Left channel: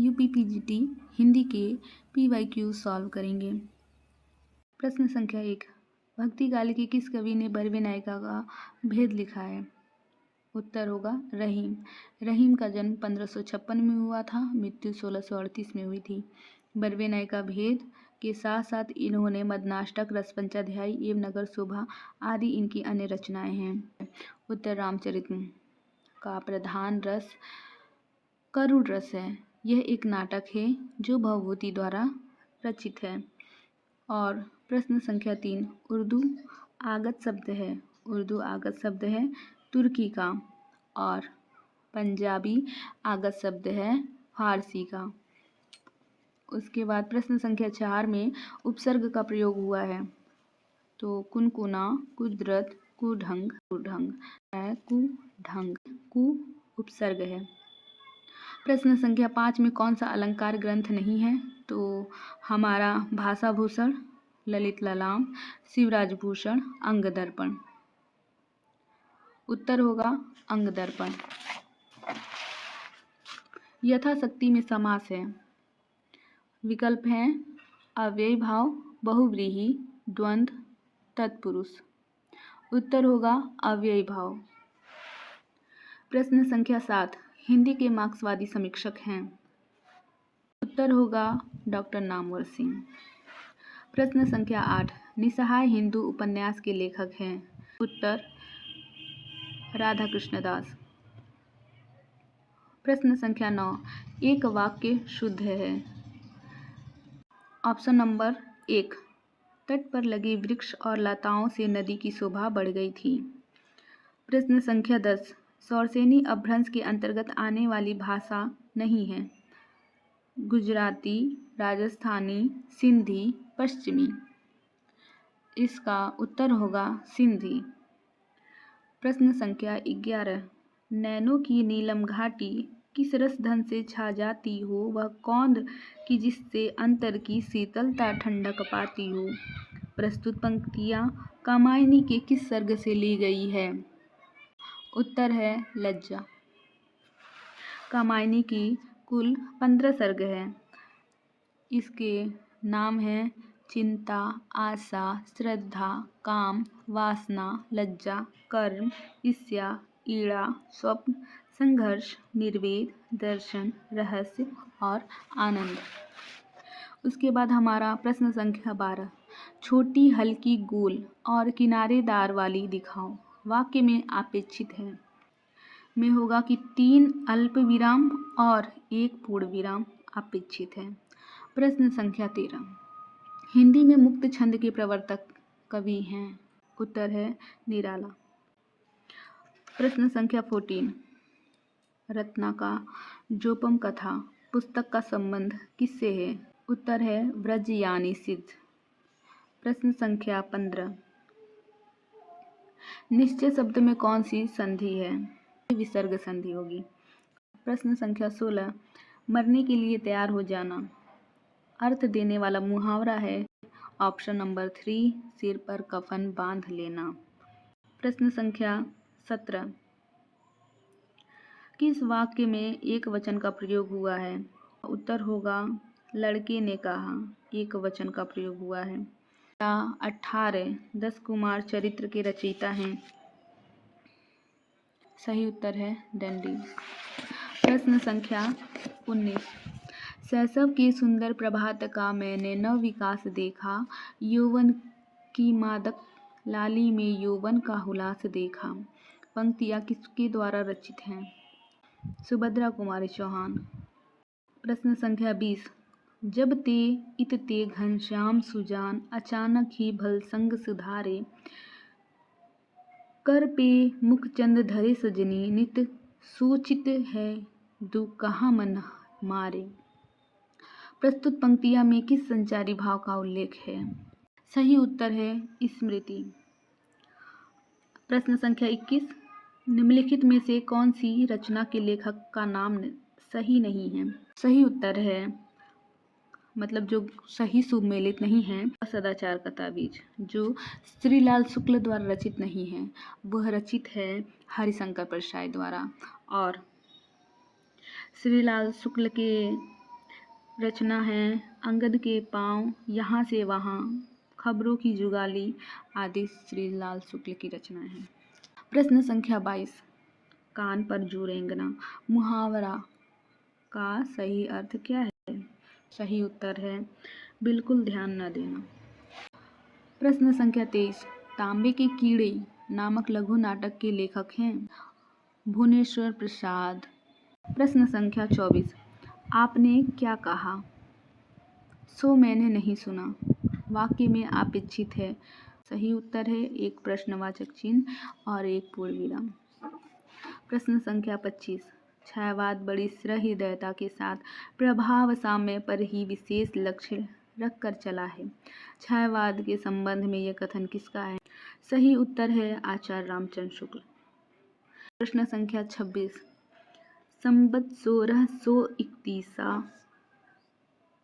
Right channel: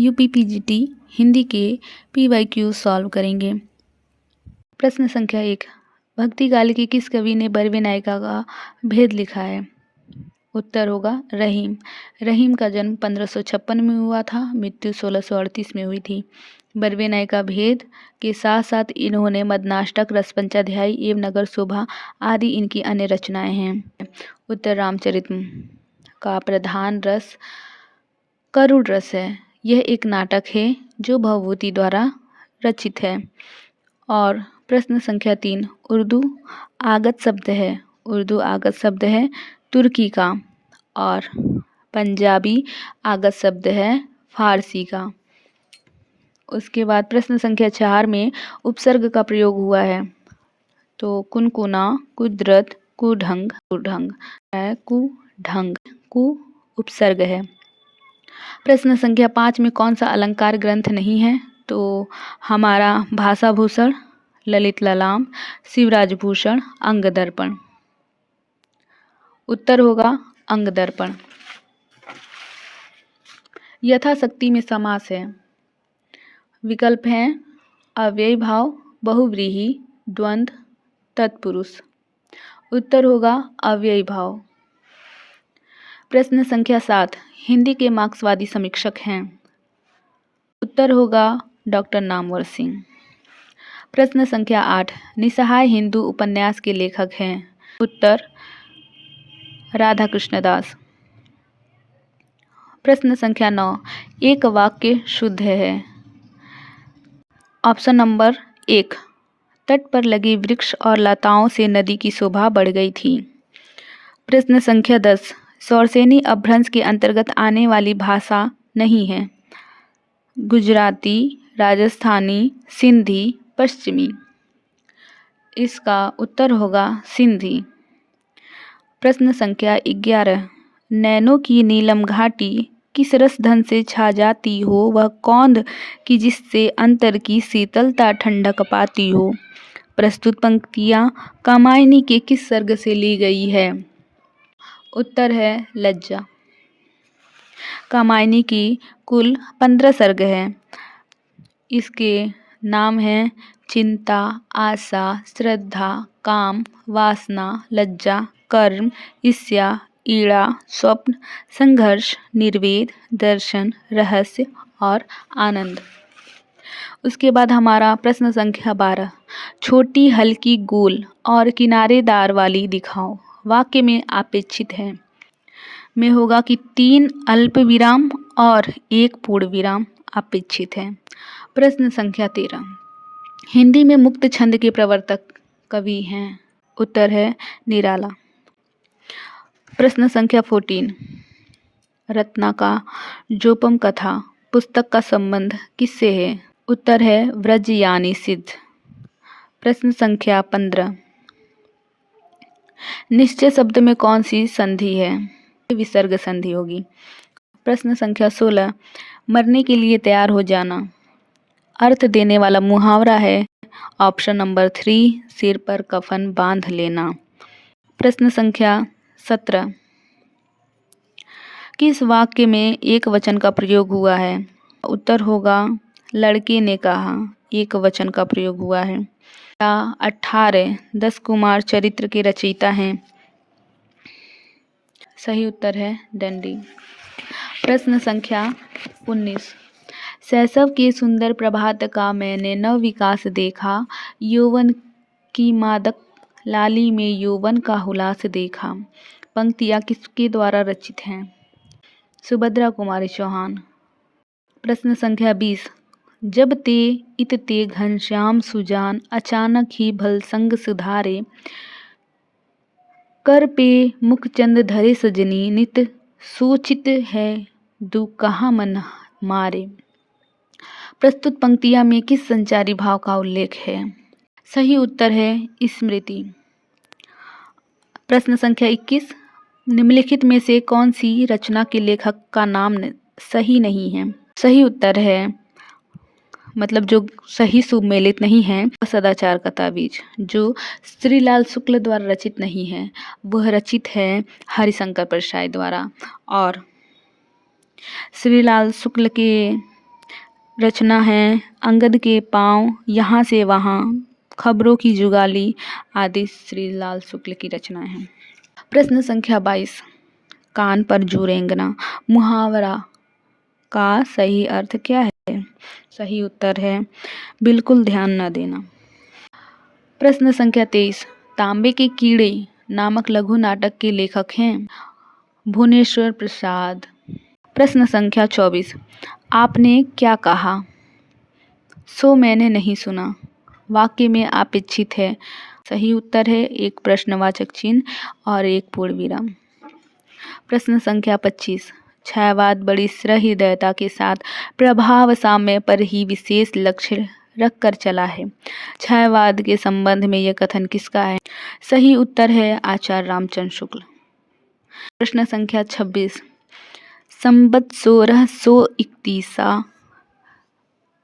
UPPGT Hindi के PYQ solve करेंगे। प्रश्न संख्या 1, भक्ति काल के किस कवि ने बरवे नायिका का भेद लिखा है? उत्तर होगा रहीम। रहीम का जन्म 1556 में हुआ था, मृत्यु 1638 में हुई थी। बरवे नायिका भेद के साथ साथ इन्होंने मदनाष्टक, रसपंचाध्यायी एवं नगर शोभा आदि इनकी अन्य रचनाएं हैं। उत्तर रामचरित का प्रधान रस करुण रस है। यह एक नाटक है जो भवभूति द्वारा रचित है। और प्रश्न संख्या 3, उर्दू आगत शब्द है। उर्दू आगत शब्द है तुर्की का और पंजाबी आगत शब्द है फारसी का। उसके बाद प्रश्न संख्या 4 में उपसर्ग का प्रयोग हुआ है। तो कुनकुना, कुदरत, कुढंग, कुढंग है कुढंग, कु उपसर्ग है। प्रश्न संख्या 5 में कौन सा अलंकार ग्रंथ नहीं है? तो हमारा भाषा भूषण, ललित ललाम, शिवराज भूषण, अंग दर्पण। उत्तर होगा अंग दर्पण। यथाशक्ति में समास है। विकल्प हैं अव्ययी भाव, बहुव्रीहि, द्वंद्व, तत्पुरुष। उत्तर होगा अव्ययी भाव। प्रश्न संख्या 7, हिंदी के मार्क्सवादी समीक्षक हैं। उत्तर होगा डॉक्टर नामवर सिंह। प्रश्न संख्या 8, निसहाय हिंदू उपन्यास के लेखक हैं। उत्तर राधा कृष्णदास। प्रश्न संख्या 9, एक वाक्य शुद्ध है। ऑप्शन नंबर 1, तट पर लगे वृक्ष और लताओं से नदी की शोभा बढ़ गई थी। प्रश्न संख्या 10, शौरसेनी अपभ्रंश के अंतर्गत आने वाली भाषा नहीं है। गुजराती, राजस्थानी, सिंधी, पश्चिमी। इसका उत्तर होगा सिंधी। प्रश्न संख्या 11, नैनों की नीलम घाटी किस रसधन से छा जाती हो, वह कौंध की जिससे अंतर की शीतलता ठंडक पाती हो। प्रस्तुत पंक्तियाँ कामायनी के किस सर्ग से ली गई है? उत्तर है लज्जा। कामायनी की कुल 15 सर्ग हैं। इसके नाम हैं चिंता, आशा, श्रद्धा, काम, वासना, लज्जा, कर्म, ईर्ष्या, ईड़ा, स्वप्न, संघर्ष, निर्वेद, दर्शन, रहस्य और आनंद। उसके बाद हमारा प्रश्न संख्या 12, छोटी, हल्की, गोल और किनारेदार वाली दिखाओ। वाक्य में अपेक्षित है में होगा कि 3 अल्प विराम और 1 पूर्ण विराम अपेक्षित है। प्रश्न संख्या 13, हिंदी में मुक्त छंद के प्रवर्तक कवि हैं। उत्तर है निराला। प्रश्न संख्या 14, रत्ना का जोपम कथा पुस्तक का संबंध किससे है? उत्तर है व्रज यानी सिद्ध। प्रश्न संख्या 15, निश्चय शब्द में कौन सी संधि है? विसर्ग संधि होगी। प्रश्न संख्या 16, मरने के लिए तैयार हो जाना अर्थ देने वाला मुहावरा है। ऑप्शन नंबर 3, सिर पर कफन बांध लेना। प्रश्न संख्या 17, किस वाक्य में एक वचन का प्रयोग हुआ है? उत्तर होगा लड़के ने कहा, एक वचन का प्रयोग हुआ है। 18 10 कुमार चरित्र के रचयिता हैं। सही उत्तर है दंडी। प्रश्न संख्या 19, शैशव के सुंदर प्रभात का मैंने नव विकास देखा, यौवन की मादक लाली में यौवन का हुलास देखा। पंक्तियाँ किसके द्वारा रचित हैं? सुभद्रा कुमारी चौहान। प्रश्न संख्या 20, जब ते इत ते घनश्याम सुजान, अचानक ही भल संग सुधारे, कर पे मुखचंद धरे सजनी, नित सोचित है दु कहाँ मन मारे। प्रस्तुत पंक्तियाँ में किस संचारी भाव का उल्लेख है? सही उत्तर है स्मृति। प्रश्न संख्या 21, निम्नलिखित में से कौन सी रचना के लेखक का नाम सही नहीं है? सही उत्तर है मतलब जो सही सुमेलित नहीं है, सदाचार का ताबीज, जो श्रीलाल शुक्ल द्वारा रचित नहीं है, वह रचित है हरिशंकर परसाई द्वारा। और श्रीलाल शुक्ल के रचना है अंगद के पाँव, यहाँ से वहाँ, खबरों की जुगाली आदि श्री लाल शुक्ल की रचनाएं हैं। प्रश्न संख्या 22, कान पर जू रेंगना मुहावरा का सही अर्थ क्या है? सही उत्तर है बिल्कुल ध्यान न देना। प्रश्न संख्या 23, तांबे के कीड़े नामक लघु नाटक के लेखक हैं भुवनेश्वर प्रसाद। प्रश्न संख्या 24, आपने क्या कहा? सो मैंने नहीं सुना वाक्य में अपेक्षित है। सही उत्तर है एक प्रश्नवाचक चिन्ह और एक पूर्ण विराम। प्रश्न संख्या 25, छायावाद बड़ी सहृदयता के साथ प्रभाव साम्य पर ही विशेष लक्ष्य रखकर चला है। छायावाद के संबंध में यह कथन किसका है? सही उत्तर है आचार्य रामचंद्र शुक्ल। प्रश्न संख्या 26, संबत 1631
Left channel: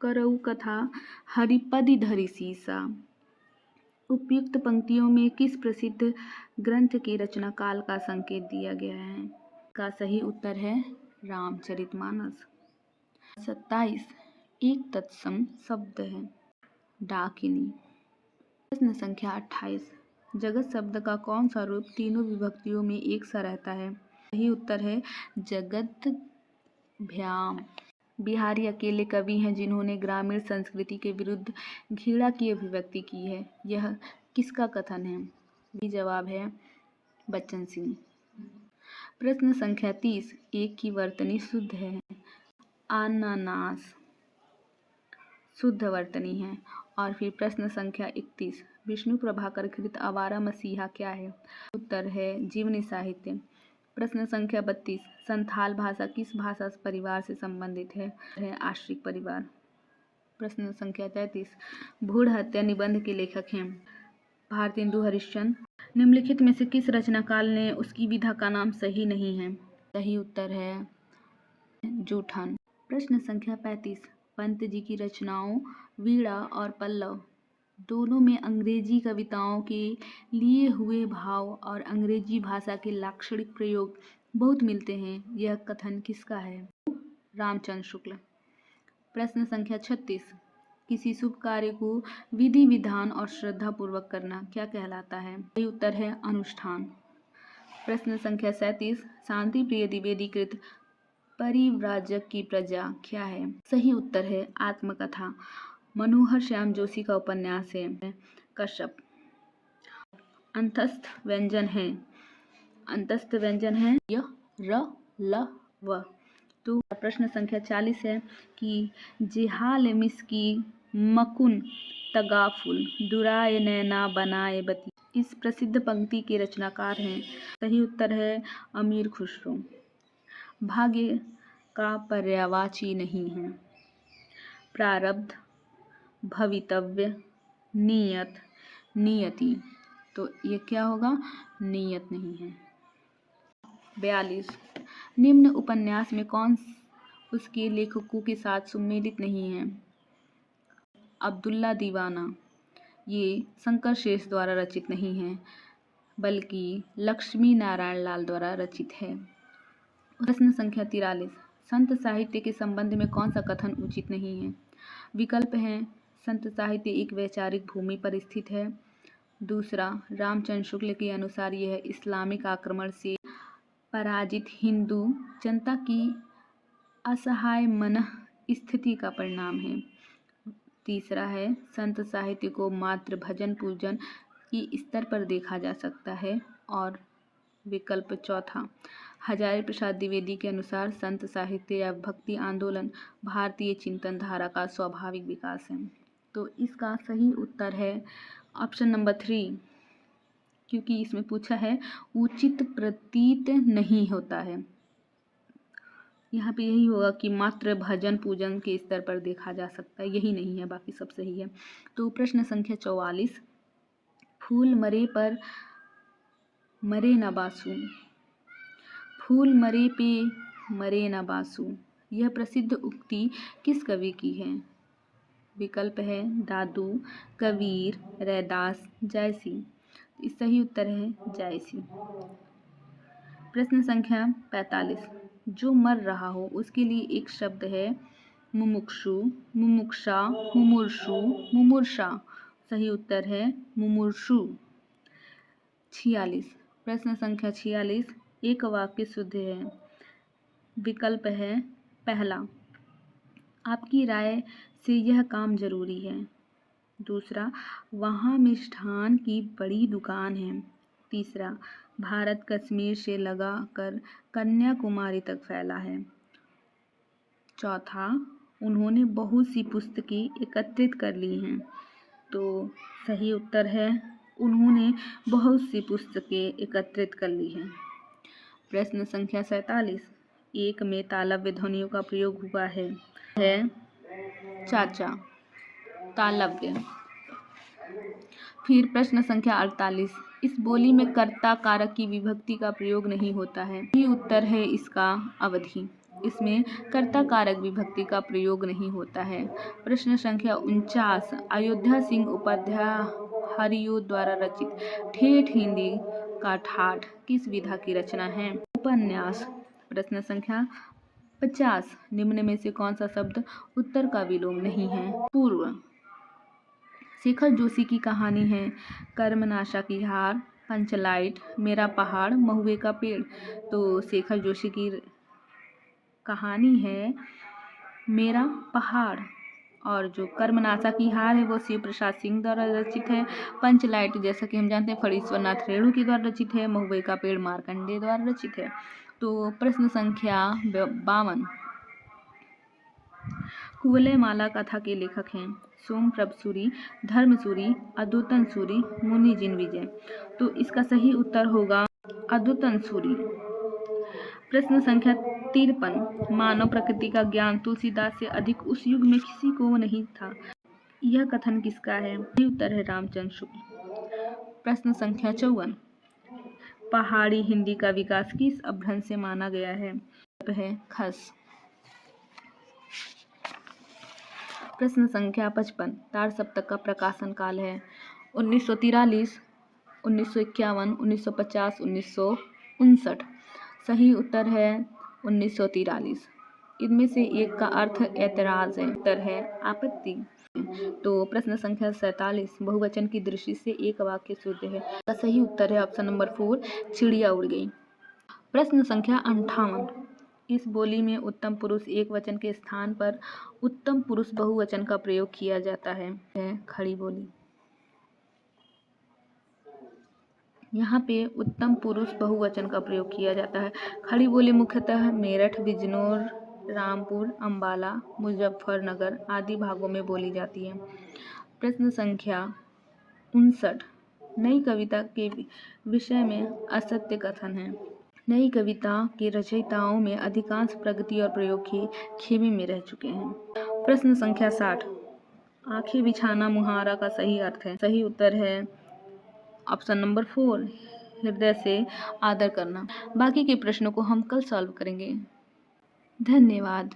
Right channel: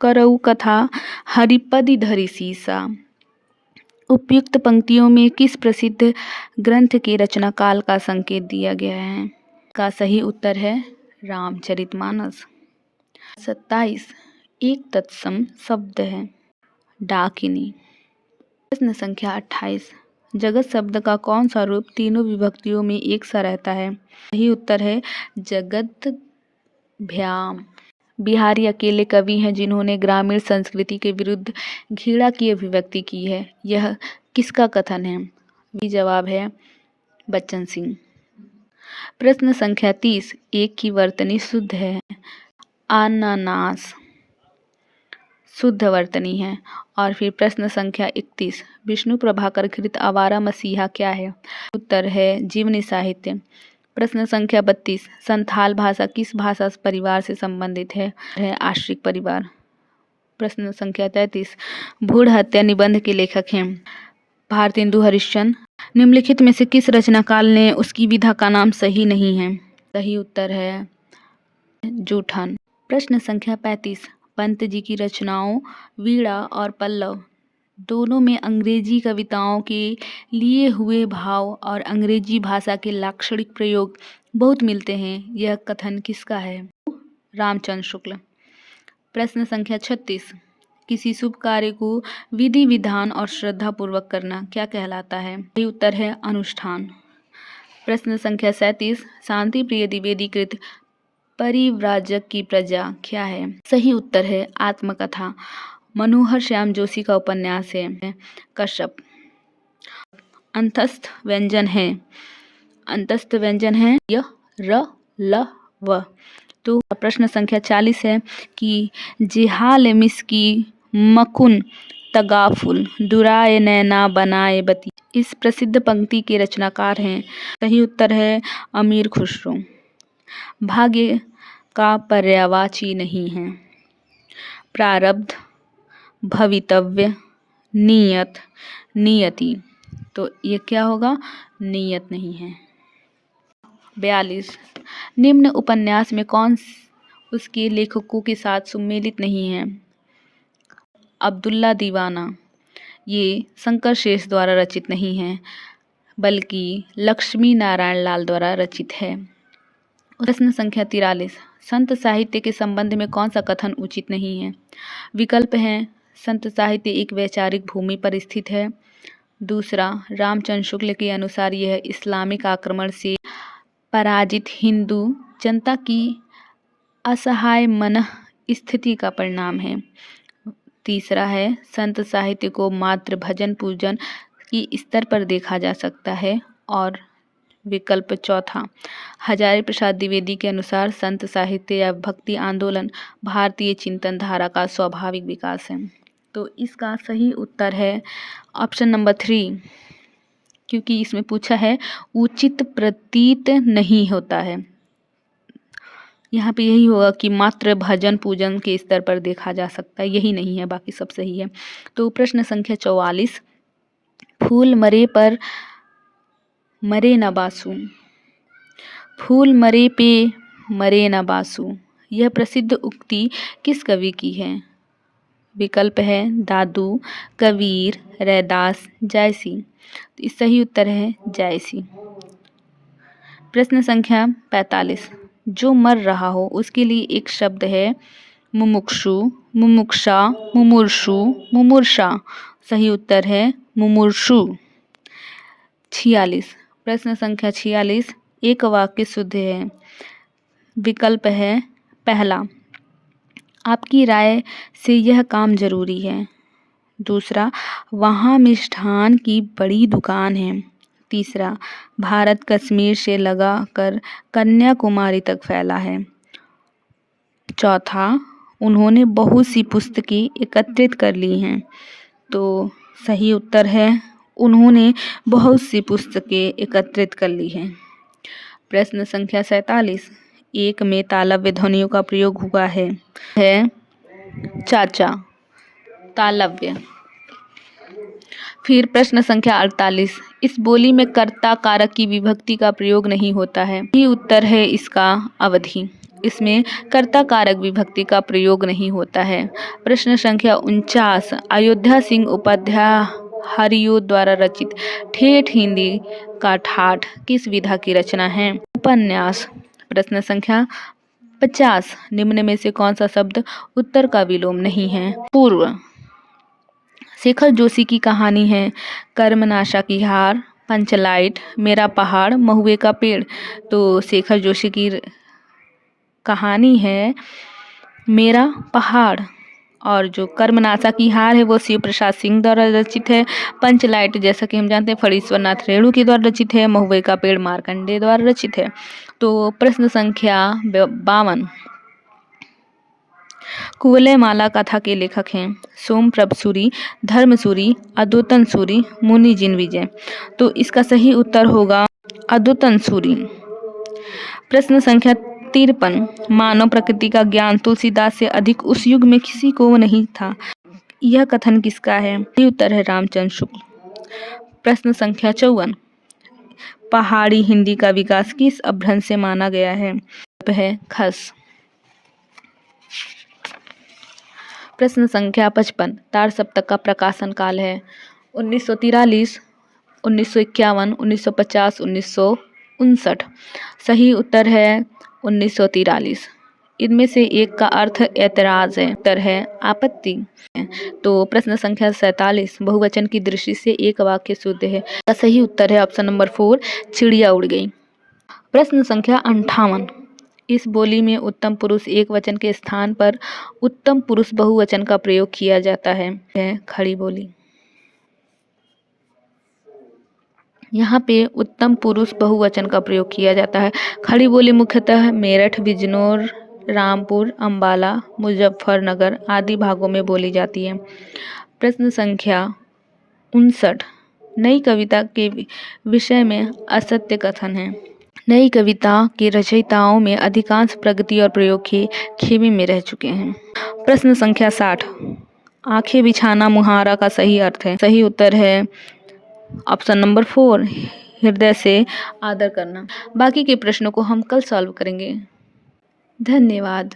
करऊ कथा हरिपदि धरि सीसा। उपयुक्त पंक्तियों में किस प्रसिद्ध ग्रंथ के रचना काल का संकेत दिया गया है? का सही उत्तर है रामचरितमानस। 27, एक तत्सम शब्द है डाकिनी। प्रश्न संख्या 28, जगत शब्द का कौन सा रूप तीनों विभक्तियों में एक सा रहता है? सही उत्तर है जगत भ्याम। बिहारी अकेले कवि हैं जिन्होंने ग्रामीण संस्कृति के विरुद्ध घृणा की अभिव्यक्ति की है। यह किसका कथन है? भी जवाब है बच्चन सिंह। प्रश्न संख्या 30, एक की वर्तनी शुद्ध है अनानास शुद्ध वर्तनी है। और फिर प्रश्न संख्या 31, विष्णु प्रभाकर कृत आवारा मसीहा क्या है? उत्तर है जीवनी साहित्य। प्रश्न संख्या 32, संथाल भाषा किस भाषा परिवार से संबंधित है आश्रित परिवार। प्रश्न संख्या 33, भूढ़ हत्या निबंध के लेखक हैं भारतेंदु हरिश्चंद्र। निम्नलिखित में से किस रचनाकाल ने उसकी विधा का नाम सही नहीं है? सही उत्तर है जूठन। प्रश्न संख्या 35, पंत जी की रचनाओं वीणा और पल्लव दोनों में अंग्रेजी कविताओं के लिए हुए भाव और अंग्रेजी भाषा के लाक्षणिक प्रयोग बहुत मिलते हैं। यह कथन किसका है? रामचंद्र शुक्ल। प्रश्न संख्या 36, किसी शुभ कार्य को विधि विधान और श्रद्धा पूर्वक करना क्या कहलाता है? सही उत्तर है अनुष्ठान। प्रश्न संख्या 37, शांति प्रिय द्विवेदी कृत परिव्राजक की प्रजा क्या है? सही उत्तर है आत्मकथा। मनोहर श्याम जोशी का उपन्यास है कश्यप। अंतस्थ व्यंजन है य र ल व। तो प्रश्न संख्या 40 है कि जिहाल मिस्की मकुन तगाफुल दुराए नैना बनाए बती इस प्रसिद्ध पंक्ति के रचनाकार हैं। सही उत्तर है अमीर खुसरो। भाग्य का पर्यायवाची नहीं है प्रारब्ध, भवितव्य, नियत, नियति। तो ये क्या होगा? नियत नहीं है। 42, निम्न उपन्यास में कौन उसके लेखकों के साथ सम्मिलित नहीं है? अब्दुल्ला दीवाना ये शंकर शेष द्वारा रचित नहीं है बल्कि लक्ष्मी नारायण लाल द्वारा रचित है। प्रश्न संख्या 43, संत साहित्य के संबंध में कौन सा कथन उचित नहीं है? विकल्प हैं संत साहित्य एक वैचारिक भूमि पर स्थित है। दूसरा, रामचंद्र शुक्ल के अनुसार यह इस्लामिक आक्रमण से पराजित हिंदू जनता की असहाय मन स्थिति का परिणाम है। तीसरा है संत साहित्य को मात्र भजन पूजन की स्तर पर देखा जा सकता है। और विकल्प चौथा, हजारी प्रसाद द्विवेदी के अनुसार संत साहित्य या भक्ति आंदोलन भारतीय चिंतन धारा का स्वाभाविक विकास है। तो इसका सही उत्तर है ऑप्शन नंबर 3, क्योंकि इसमें पूछा है उचित प्रतीत नहीं होता है। यहाँ पे यही होगा कि मात्र भजन पूजन के स्तर पर देखा जा सकता है, यही नहीं है, बाकी सब सही है। तो प्रश्न संख्या 44, फूल मरे पर मरे न बासु, फूल मरे पे मरे न बासु, यह प्रसिद्ध उक्ति किस कवि की है? विकल्प है दादू, कबीर, रैदास, जायसी। तो इस सही उत्तर है जायसी। प्रश्न संख्या 45, जो मर रहा हो उसके लिए एक शब्द है मुमुक्षु, मुमुक्षा, मुमुर्षु, मुमुर्षा। सही उत्तर है मुमुर्षु। 46 प्रश्न संख्या 46 एक वाक्य शुद्ध है। विकल्प है पहला, आपकी राय से यह काम जरूरी है। दूसरा, वहाँ मिष्ठान की बड़ी दुकान है। तीसरा, भारत कश्मीर से लगा कर कन्याकुमारी तक फैला है। चौथा, उन्होंने बहुत सी पुस्तकें एकत्रित कर ली हैं। तो सही उत्तर है उन्होंने बहुत सी पुस्तकें एकत्रित कर ली हैं। प्रश्न संख्या 47 एक में तालव्य ध्वनियों का प्रयोग हुआ है चाचा, तालव्य। फिर प्रश्न संख्या 48 इस बोली में कर्ता कारक की विभक्ति का प्रयोग नहीं होता है। सही उत्तर है इसका अवधि। इसमें कर्ता कारक विभक्ति का प्रयोग नहीं होता है। प्रश्न संख्या 49 अयोध्या सिंह उपाध्याय हरिओ द्वारा रचित ठेठ हिंदी का ठाठ किस विधा की रचना है? उपन्यास। प्रश्न संख्या 50 निम्न में से कौन सा शब्द उत्तर का विलोम नहीं है? पूर्व। शेखर जोशी की कहानी है कर्मनाशा की हार, पंचलाइट, मेरा पहाड़, महुए का पेड़। तो शेखर जोशी की कहानी है मेरा पहाड़, और जो कर्मनाशा की हार है वो शिव प्रसाद सिंह द्वारा रचित है। पंचलाइट जैसा कि हम जानते हैं फणीश्वर नाथ रेणु के द्वारा रचित है। महुए का पेड़ मार्कंडेय द्वारा रचित है। तो प्रश्न संख्या 52 कुवलय माला कथा के लेखक हैं सोमप्रभ सूरी, धर्मसूरी, अद्योतन सूरी, मुनि जिनविजय। तो इसका सही उत्तर होगा अद्योतन सूरी। प्रश्न संख्या 53 मानव प्रकृति का ज्ञान तुलसीदास से अधिक उस युग में किसी को नहीं था। यह कथन किसका है? सही उत्तर है रामचंद्र शुक्ल। प्रश्न संख्या 54 पहाड़ी हिंदी का विकास किस अपभ्रंश से माना गया है? है खस। प्रश्न संख्या 55 तार सप्तक का प्रकाशन काल है 1943, 1951, 1950, 1959। सही उत्तर है 1943। इनमें से एक का अर्थ ऐतराज है, उत्तर है आपत्ति। तो प्रश्न संख्या 47 बहुवचन की दृष्टि से एक वाक्य शुद्ध है। का सही उत्तर है ऑप्शन नंबर 4 चिड़िया उड़ गई। प्रश्न संख्या 58 इस बोली में उत्तम पुरुष एक वचन के स्थान पर उत्तम पुरुष बहुवचन का प्रयोग किया जाता है खड़ी बोली। यहाँ पे उत्तम पुरुष बहुवचन का प्रयोग किया जाता है। खड़ी बोली मुख्यतः मेरठ, बिजनौर, रामपुर, अंबाला, मुजफ्फरनगर आदि भागों में बोली जाती है। प्रश्न संख्या 59 नई कविता के विषय में असत्य कथन है। नई कविता के रचयिताओं में अधिकांश प्रगति और प्रयोग के खेमे में रह चुके हैं। प्रश्न संख्या 60 आंखें बिछाना मुहावरा का सही अर्थ है। सही उत्तर है ऑप्शन नंबर 4 हृदय से आदर करना। बाकी के प्रश्नों को हम कल सॉल्व करेंगे। धन्यवाद।